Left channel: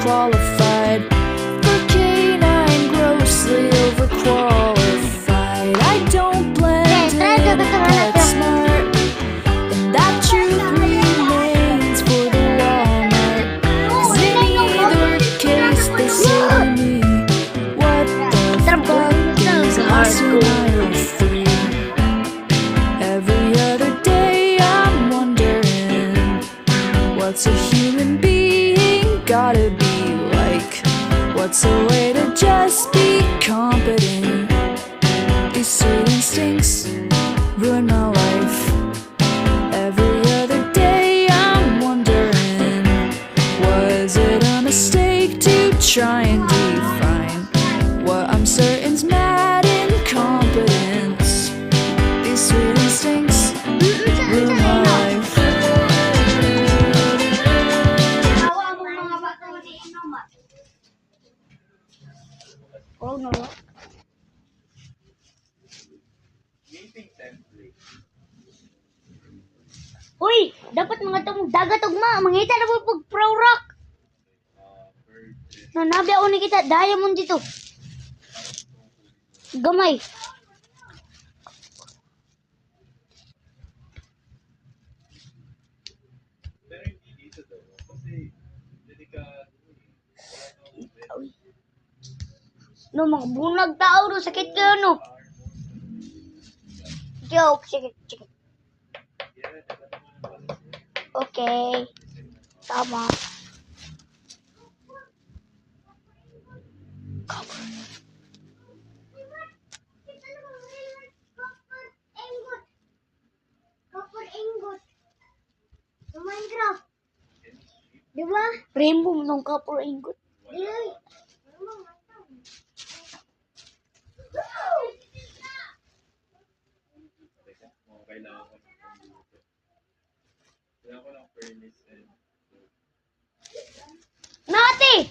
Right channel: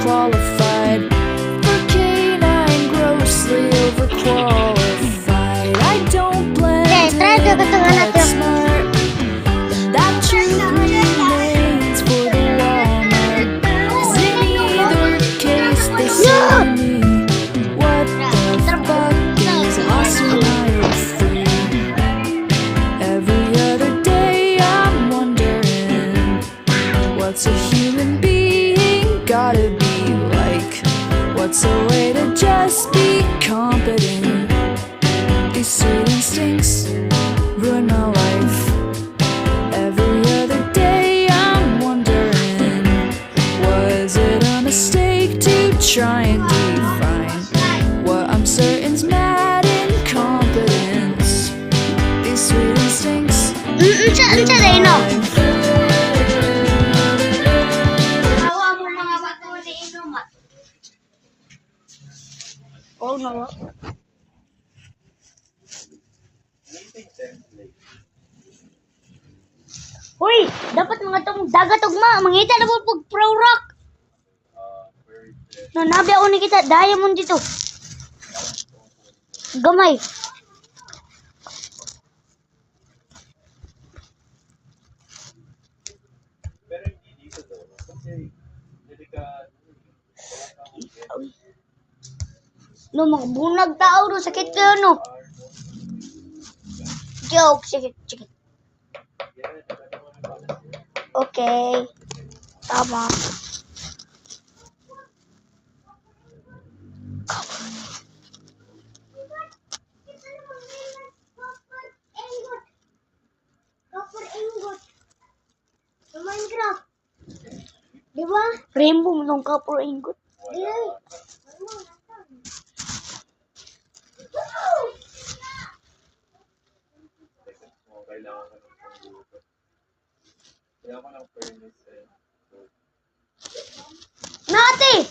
qualified for canine, grossly overqualified. I don't blend in, get smart, and that truth remains for the Walmart. 'Cause in either case they say to me, what the fuck is lost in aisle 3? Every other day I'm wondering, what's a human being gotta be like? What's a way to just be competent? These sweet instincts ruin my life. Every other day I'm wondering, was it a mistake to try and define what I'm certain's mad incompetence? These sweet instincts ruin my life. Oh no. Uy, dapat mga tong dagat ugma, mangita na po pag pro rock. No, nabi ako ni kita diamond dito. Gamay. Pero hindi dito daw. Kasi delikado. No, mga bunag tao no, sakit kayo no. Joke, sakit. Okay. Tama. Minecraft. Di ba? Rainbow mo nung copper ingot. Kailangan ko ng pangluto. Kailangan ko ng furnace and Nati!